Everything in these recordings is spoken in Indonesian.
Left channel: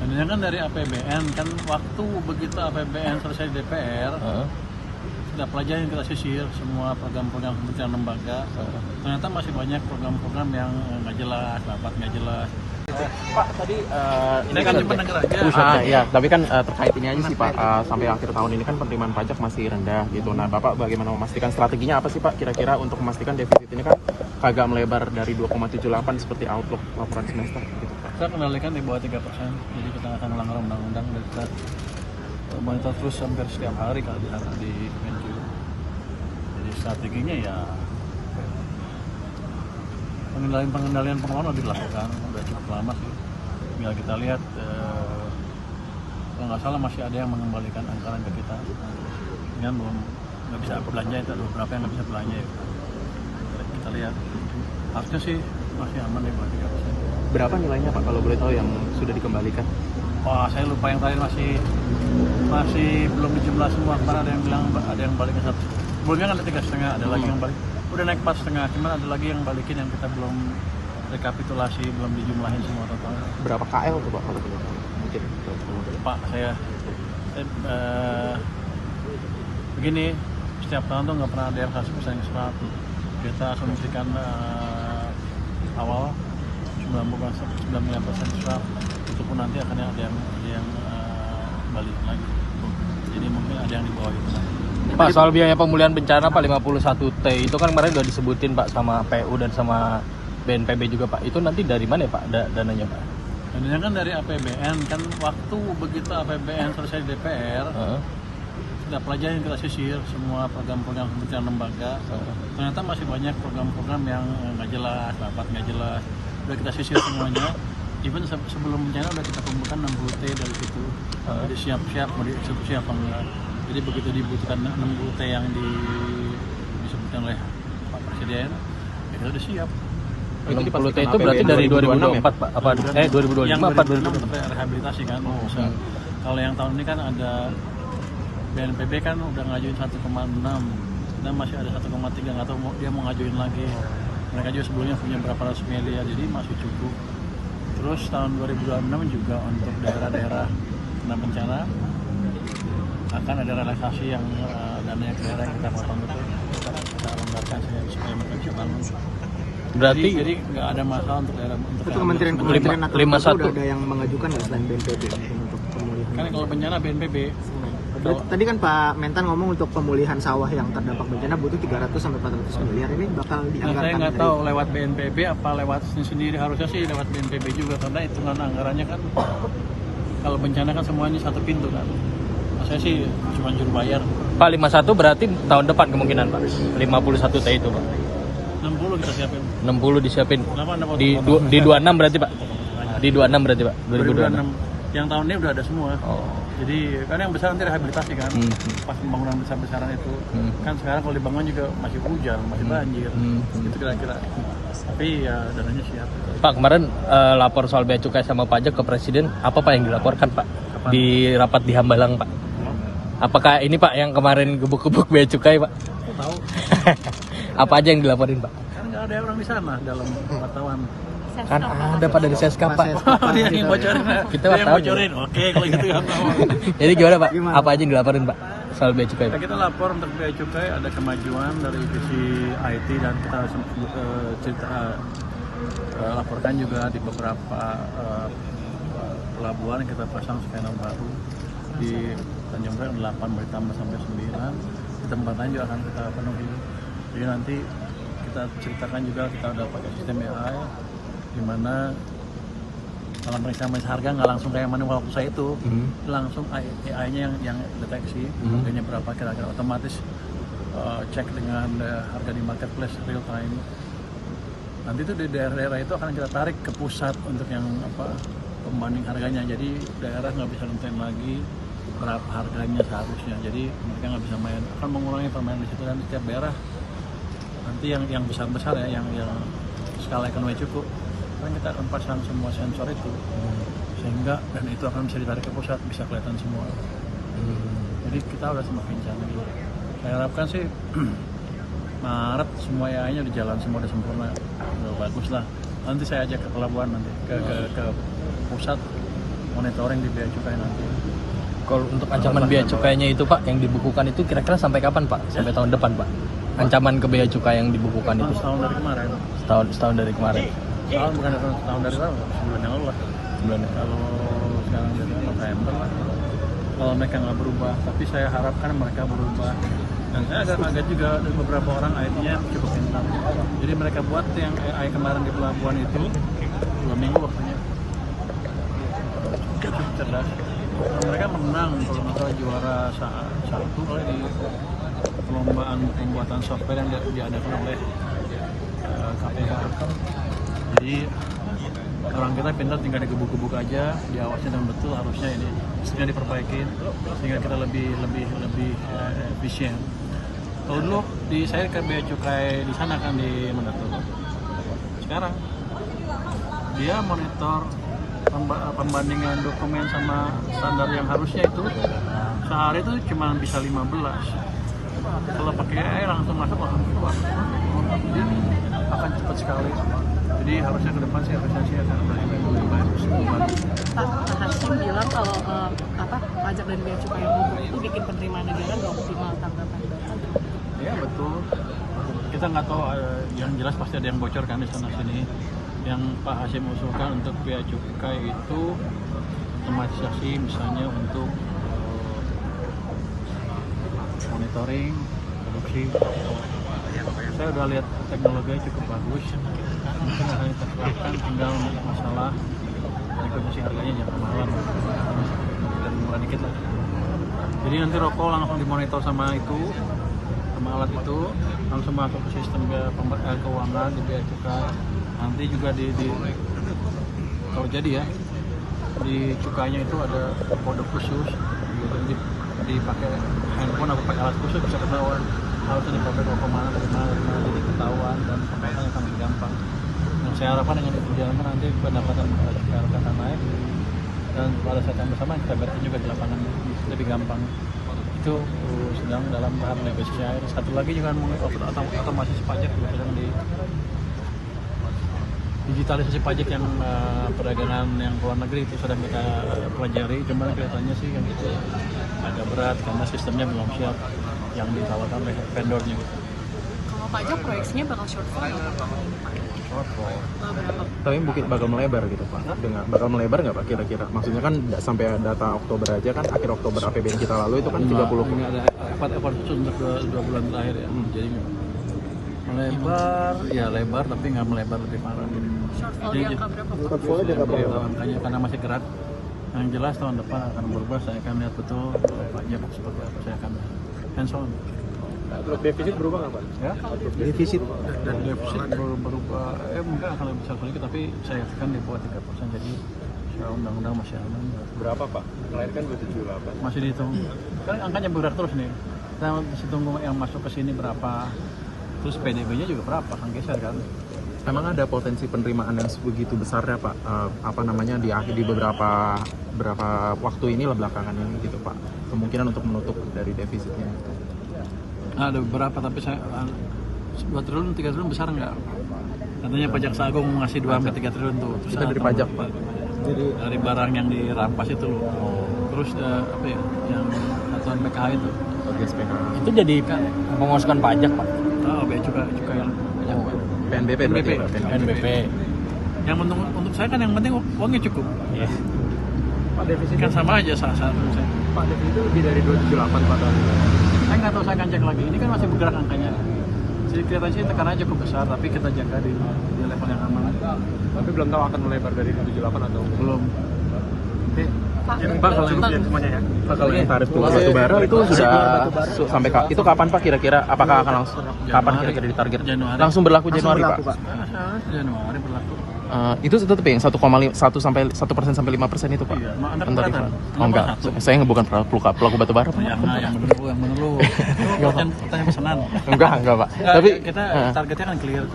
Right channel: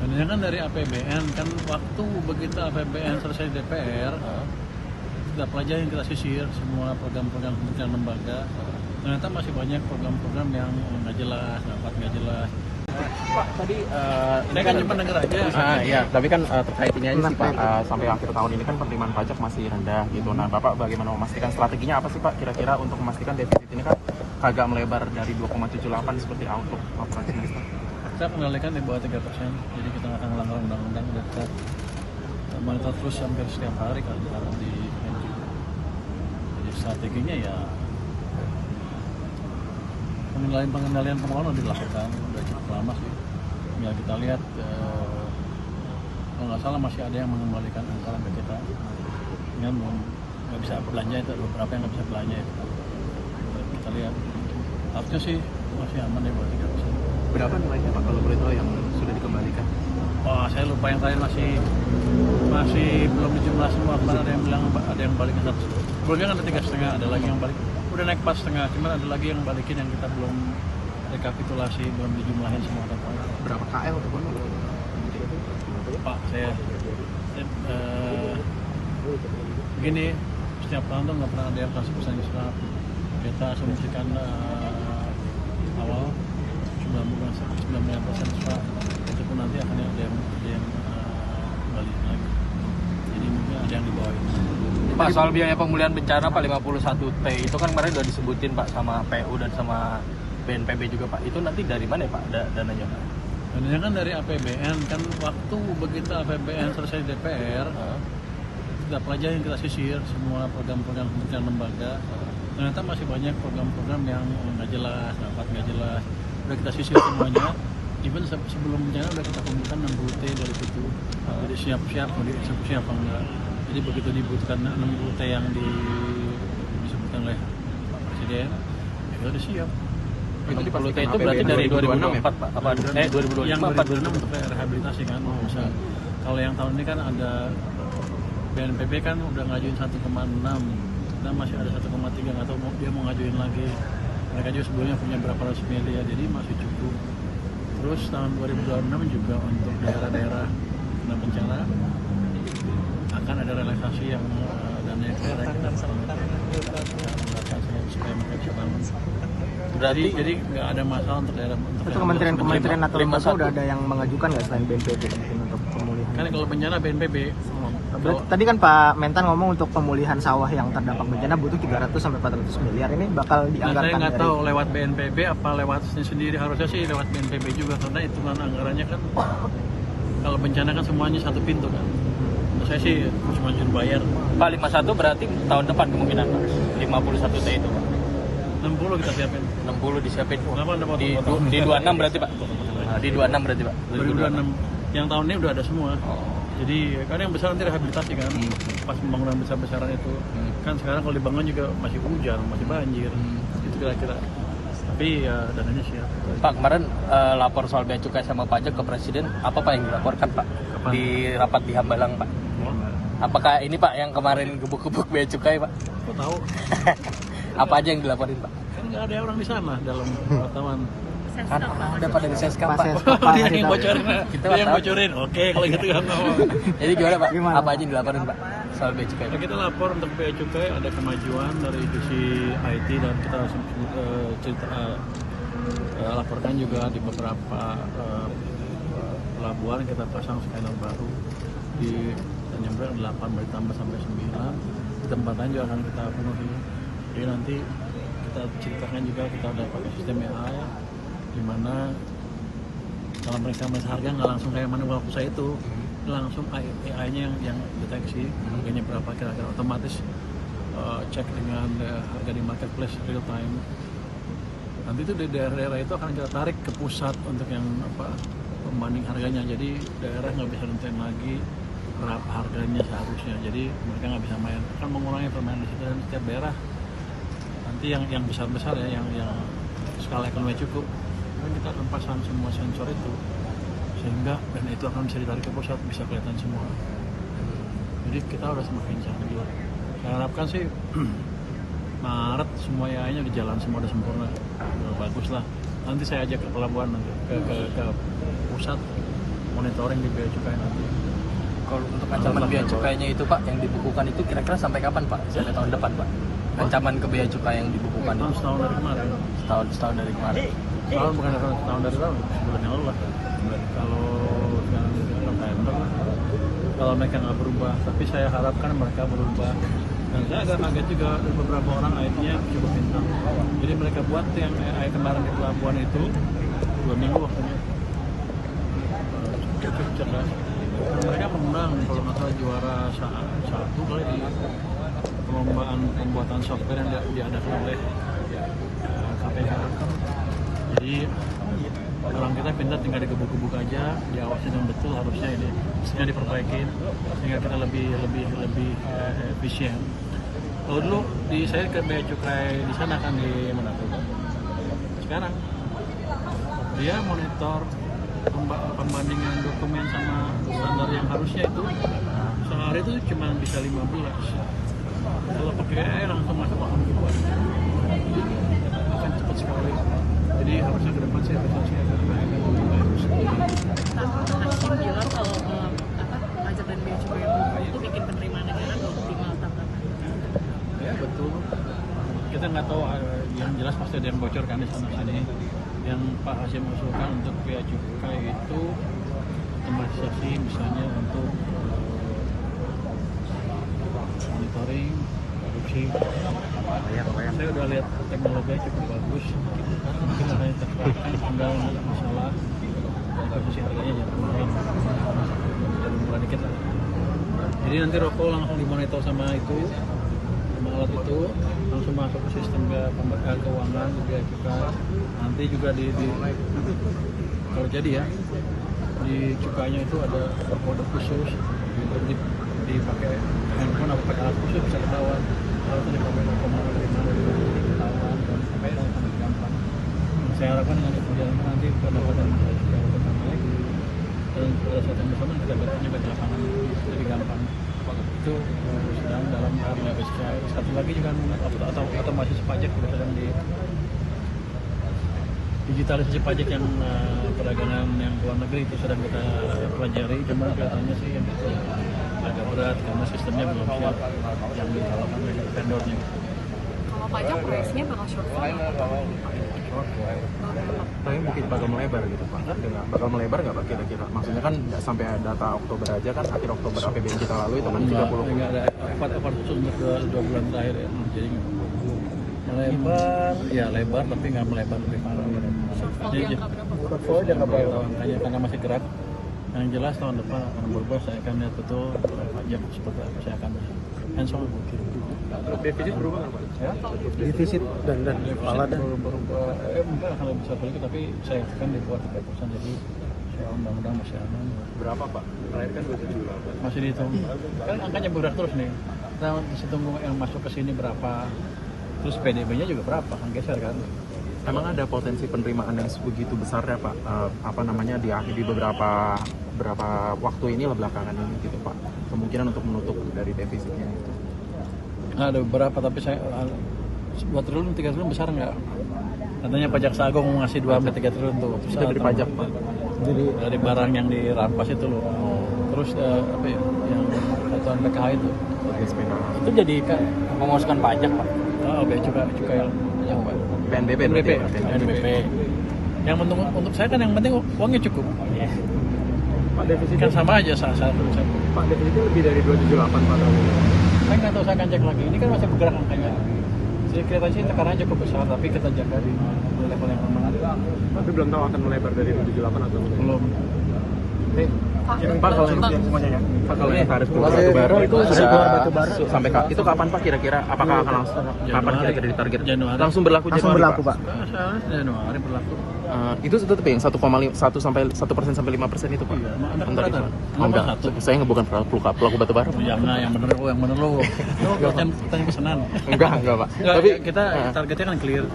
Sebenarnya kan dari APBN kan waktu begitu APBN selesai di DPR, kita pelajarin, kita sisir semua program-program kementerian lembaga. Ternyata masih banyak program-program yang nggak jelas, rapat nggak jelas. Pak, tadi Saya kan cuma denger aja. iya, tapi kan terkait ini aja sih Pak, sampai akhir tahun ini kan penerimaan pajak masih rendah gitu. Nah, Bapak bagaimana memastikan strateginya apa sih Pak kira-kira untuk memastikan defisit ini kan agak melebar dari 2,78 seperti outlook laporan semester gitu. Kita kendalikan di bawah 3%, jadi kita nggak akan melanggar undang-undang. Udah kita monitor terus hampir setiap hari kalau di Kemenku. Jadi strateginya ya pengendalian pengeluaran udah dilakukan, udah cukup lama sih. Tinggal kita lihat, kalau nggak salah masih ada yang mengembalikan anggaran ke kita. Dengan belum nggak bisa belanja, itu ada beberapa yang nggak bisa belanja ya. Kita lihat, harusnya sih masih aman ya buat 3%. Berapa nilainya Pak kalau boleh tahu yang sudah dikembalikan? Wah, saya lupa yang terakhir masih belum dijumlah semua. Kemarin ada yang bilang ada yang balikin 1. Sebelumnya kan ada 3,5, ada lagi yang balik. Udah naik 4,5, cuman ada lagi yang balikin yang kita belum rekapitulasi, belum dijumlahin semua totalnya. Berapa KL tuh Pak kalau mungkin? Pak, saya begini, setiap tahun tuh nggak pernah ada yang 100% islam. Kita asumsikan awal 99% islam, itu pun nanti akan ada yang balik lagi. Jadi mungkin ada yang di bawah itu nanti. Pak, soal biaya pemulihan bencana Pak 51T itu kan kemarin udah disebutin Pak sama PU dan sama BNPB juga Pak. Itu nanti dari mana ya Pak dananya Pak? Dananya kan dari APBN, kan waktu begitu APBN selesai di DPR, kita pelajarin, kita sisir semua program-program kementerian lembaga. Ternyata masih banyak program-program yang nggak jelas, rapat nggak jelas. Udah kita sisir semuanya. Even sebelum bencana udah kita kumpulkan 60T dari situ. Jadi siap-siap mau dieksekusi apa enggak. Jadi begitu dibutuhkan 60T yang disebutkan oleh Pak Presiden, ya kita udah siap. Itu 60T itu berarti dari 2024 Pak? Apa 2025? Yang 2026 untuk rehabilitasi kan. Kalau yang tahun ini kan ada BNPB kan udah ngajuin 1,6 dan masih ada 1,3, nggak tahu dia mau ngajuin lagi. Mereka juga sebelumnya punya berapa ratus miliar, jadi masih cukup. Terus tahun 2026 juga untuk daerah-daerah kena bencana akan ada relaksasi yang dananya ke daerah yang kita potong itu, kita longgarkan supaya mereka bisa bangun. Berarti Jadi nggak ada masalah untuk daerah untuk kementerian atau lembaga 51 udah ada yang mengajukan nggak selain BNPB untuk pemulihan? kan kalau bencana BNPB. Tadi kan Pak Mentan ngomong untuk pemulihan sawah yang terdampak bencana butuh 300 sampai 400 miliar. Ini bakal Nah, dianggarkan saya nggak dari tahu lewat BNPB apa lewat sendiri, harusnya sih lewat BNPB juga karena hitungan anggarannya kan kalau bencana kan semuanya satu pintu kan. Nah, saya sih cuma juru bayar. Pak 51 berarti tahun depan kemungkinan Pak 51T itu Pak. 60 kita siapin. 60 disiapin. Kenapa Anda Di 26 berarti Pak. Di 26 berarti Pak. 2026. Yang tahun ini udah ada semua. Jadi kan yang besar nanti rehabilitasi kan. Pas pembangunan besar-besaran itu kan sekarang kalau dibangun juga masih hujan, masih banjir. Itu kira-kira. Tapi ya dananya siap. Pak, kemarin lapor soal bea cukai sama pajak ke Presiden, apa Pak yang dilaporkan Pak? Kapan? Di rapat di Hambalang Pak. Apakah ini Pak yang kemarin gebuk-gebuk bea cukai Pak? Kok tahu? Apa aja yang dilaporin Pak? Kan nggak ada orang di sana dalam wartawan. Kan ada Pak dari Seskap Pak. Dia yang bocorin. Kita Dia yang tahu. bocorin. Oke, kalau gitu kan. Jadi gimana Pak? Gimana, Apa aja yang dilaporin Pak soal bea cukai? Nah, kita lapor untuk bea cukai ada kemajuan dari sisi IT dan kita laporkan juga di beberapa pelabuhan kita pasang scanner baru di Tanjung Priok 8 bertambah sampai 9. Di tempat lain juga akan kita penuhi. Jadi nanti kita ceritakan juga kita ada pakai sistem AI di mana dalam pemeriksaan harga nggak langsung kayak manual pusat itu, langsung AI-nya yang deteksi harganya berapa kira-kira, otomatis cek dengan harga di marketplace real time. Nanti itu di daerah-daerah itu akan kita tarik ke pusat untuk yang pembanding harganya. Jadi daerah nggak bisa nentuin lagi berapa harganya seharusnya. Jadi mereka nggak bisa main, akan mengurangi permainan di situ dan setiap daerah nanti yang besar-besar ya, yang skala ekonomi cukup, kan kita akan pasang semua sensor itu sehingga dan itu akan bisa ditarik ke pusat, bisa kelihatan semua. Jadi kita udah semakin canggih. Saya harapkan sih Maret semua AI-nya di jalan semua udah sempurna, udah bagus lah. Nanti saya ajak ke pelabuhan nanti ke pusat monitoring di bea cukai nanti. Kalau untuk ancaman bea cukainya itu Pak yang dibukukan itu kira-kira sampai kapan Pak? Sampai tahun depan Pak? Ancaman ke bea cukai yang dibukukan itu Setahun dari kemarin. setahun dari kemarin. Setahun bukan setahun dari lalu, sebulan yang lalu lah. Kalau sekarang jadi November lah. Kalau mereka nggak berubah, tapi saya harapkan mereka berubah. Dan saya agak kaget juga ada beberapa orang IT-nya cukup pintar. Jadi mereka buat yang AI kemarin di pelabuhan itu 2 minggu waktunya. Cukup cerdas. Dan mereka menang kalau nggak salah juara satu kali di perlombaan pembuatan software yang diadakan oleh KPK. Jadi orang kita pintar tinggal digebuk-gebuk aja, diawasin yang betul, harusnya ini sehingga diperbaikin sehingga kita lebih efisien. Kalau dulu saya ke bea cukai di sana kan di mana tuh? Sekarang dia monitor pembandingan dokumen sama standar yang harusnya itu sehari itu cuma bisa 15. Kalau pakai AI langsung masuk langsung keluar. Jadi akan cepat sekali. Jadi harusnya ke depan sih efisiensi akan lebih bagus. Pak Hakim bilang kalau pajak dan bea cukai yang bobrok itu bikin penerimaan negara nggak optimal tanggapan. Ya betul. Kita nggak tahu, yang jelas pasti ada yang bocor kan di sana sini. Yang Pak Hasim usulkan untuk bea cukai itu otomatisasi misalnya untuk monitoring produksi. Saya udah lihat teknologinya cukup bagus. Mungkin hanya terserahkan tinggal masalah distribusi harganya bukan malam dan murah dikit lah. Jadi nanti rokok langsung dimonitor sama alat itu langsung masuk ke sistem keuangan di bea cukai. Nanti juga kalau jadi ya di cukainya itu ada kode khusus, dipakai handphone atau pakai alat khusus bisa ketahuan harusnya dipakai rokok mana dari mana ketahuan dan pembayarannya akan lebih gampang. Dan saya harapkan dengan berjalannya nanti pendapatan bea cukai akan naik dan pada saat yang bersamaan kita lihat juga di lapangan lebih gampang. Itu sedang dalam tahap negosiasi. Satu lagi juga otomatis pajak juga sedang di digitalisasi pajak yang perdagangan yang luar negeri itu sedang kita pelajari. Cuman kelihatannya sih yang itu agak berat karena sistemnya belum siap yang ditawarkan oleh vendornya. Pajak biasanya bakal shortfall. Tapi mungkin bakal melebar gitu Pak. Dengan bakal melebar nggak Pak kira-kira? Maksudnya kan nggak sampai data Oktober aja kan, akhir Oktober APBN kita lalu itu kan 30. Nggak ada effort itu untuk 2 bulan terakhir ya. Jadi nggak melebar, ya lebar tapi nggak melebar lebih parah. Jadi shortfall jangka berapa? Makanya karena masih gerak. Yang jelas tahun depan akan berubah. Saya akan lihat betul pajak seperti apa. Saya akan hands on. Defisit berubah nggak Pak? Ya, defisit dan defisit berubah. Mungkin akan lebih besar sedikit, tapi saya yakin di bawah 3%. Jadi undang-undang masih aman. Berapa Pak? Melempar 27 Masih dihitung. Kan angkanya bergerak terus nih. Kita masih tunggu yang masuk ke sini berapa. Terus PDB-nya juga berapa? Kan geser kan. Memang ada potensi penerimaan yang begitu besar ya Pak, di beberapa waktu ini belakangan ini gitu Pak, kemungkinan untuk menutup dari defisitnya gitu. Nah, ada beberapa tapi saya 2 triliun 3 triliun besar nggak? Katanya pajak Sagung mau ngasih 2-3 triliun tuh. Itu dari pajak Pak. Jadi dari barang yang dirampas itu loh. Terus yang satuan PKH itu. Itu jadi kan Memuaskan pajak Pak. Oh, bea cukai yang PNBP. Yang untuk saya kan yang penting uangnya cukup. Defisit kan sama aja saat itu. Itu lebih dari 278. Saya nggak tahu, saya akan cek lagi. Ini kan masih bergerak angkanya. Jadi kelihatannya sih tekanannya cukup besar, tapi kita jaga di level yang aman. Tapi belum tahu akan melebar dari 278. Belum. Oke. Pak, kalau kalau yang tarif batu bara itu sudah sampai itu kapan Pak kira-kira? Apakah akan langsung kapan kira-kira ditarget? Januari. Langsung berlaku Januari Pak. Januari berlaku. Itu tetap yang 1,1 sampai 1% sampai 5% itu Pak. Iya, Anda keberatan? Enggak. Saya bukan pelaku batu bara. Yang bener lu. Lu pertanyaan pesanan. Enggak Pak. Tapi kita targetnya kan clear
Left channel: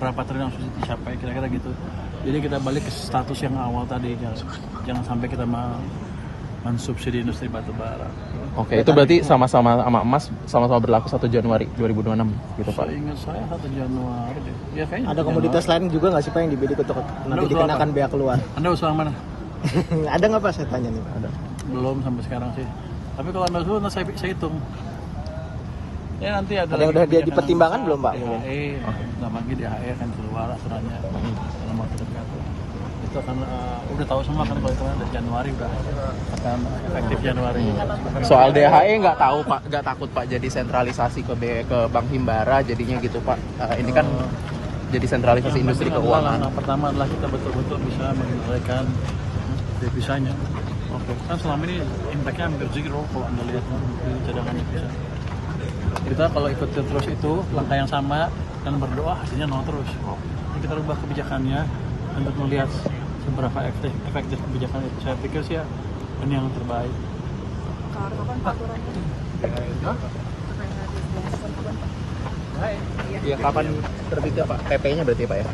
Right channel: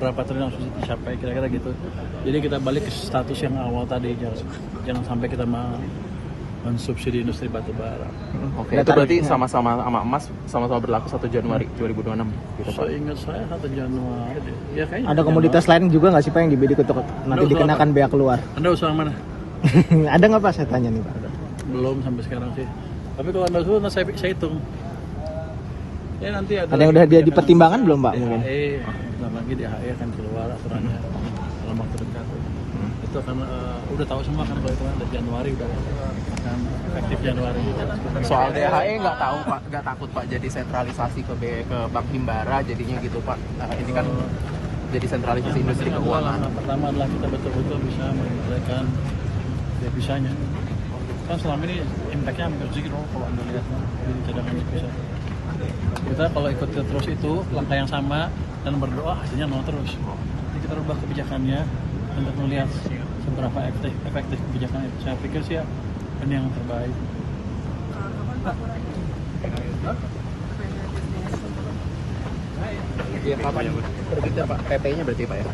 berapa triliun harus dicapai kira-kira gitu. Jadi kita balik ke status yang awal tadi, jangan sampai kita mensubsidi industri batu bara. Oke, itu berarti sama-sama sama emas sama-sama berlaku 1 Januari 2026 gitu Pak. Seingat saya 1 Januari deh. Ya kayaknya. Ada komoditas lain juga nggak sih Pak yang dibidik untuk nanti dikenakan bea keluar? Anda usulan mana? Ada nggak Pak saya tanya nih? Belum sampai sekarang sih. Tapi kalau anda suruh, saya hitung. Ya nanti ada yang udah dia dipertimbangkan belum Pak? HE, lagi di HE akan keluar aturannya dalam waktu dekat. Itu akan udah tahu semua kan kalau itu kan dari Januari udah akan efektif Januari. Soal DHE nggak tahu Pak, nggak takut Pak jadi sentralisasi ke Bank Himbara jadinya gitu Pak. Ini kan jadi sentralisasi industri keuangan. Yang pertama adalah kita betul-betul bisa mengendalikan devisanya. Kan selama ini impactnya hampir zero kalau anda lihat kan, di cadangan devisa. Kita kalau ikut terus itu langkah yang sama dan berdoa hasilnya nol terus. Jadi kita rubah kebijakannya untuk melihat seberapa efektif kebijakan itu. Saya pikir sih ya ini yang terbaik. Ya kapan terbitnya Pak? PP-nya berarti Pak ya?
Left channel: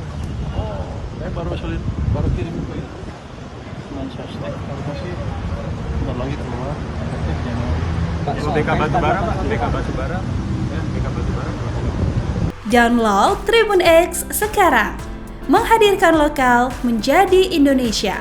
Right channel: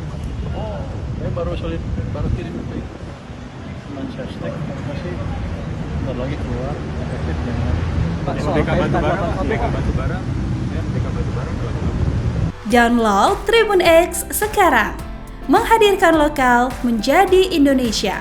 Oh, saya baru kirim Manchester, baru kasih. Bentar lagi keluar efektif Januari. Download Tribun X sekarang, menghadirkan lokal menjadi Indonesia.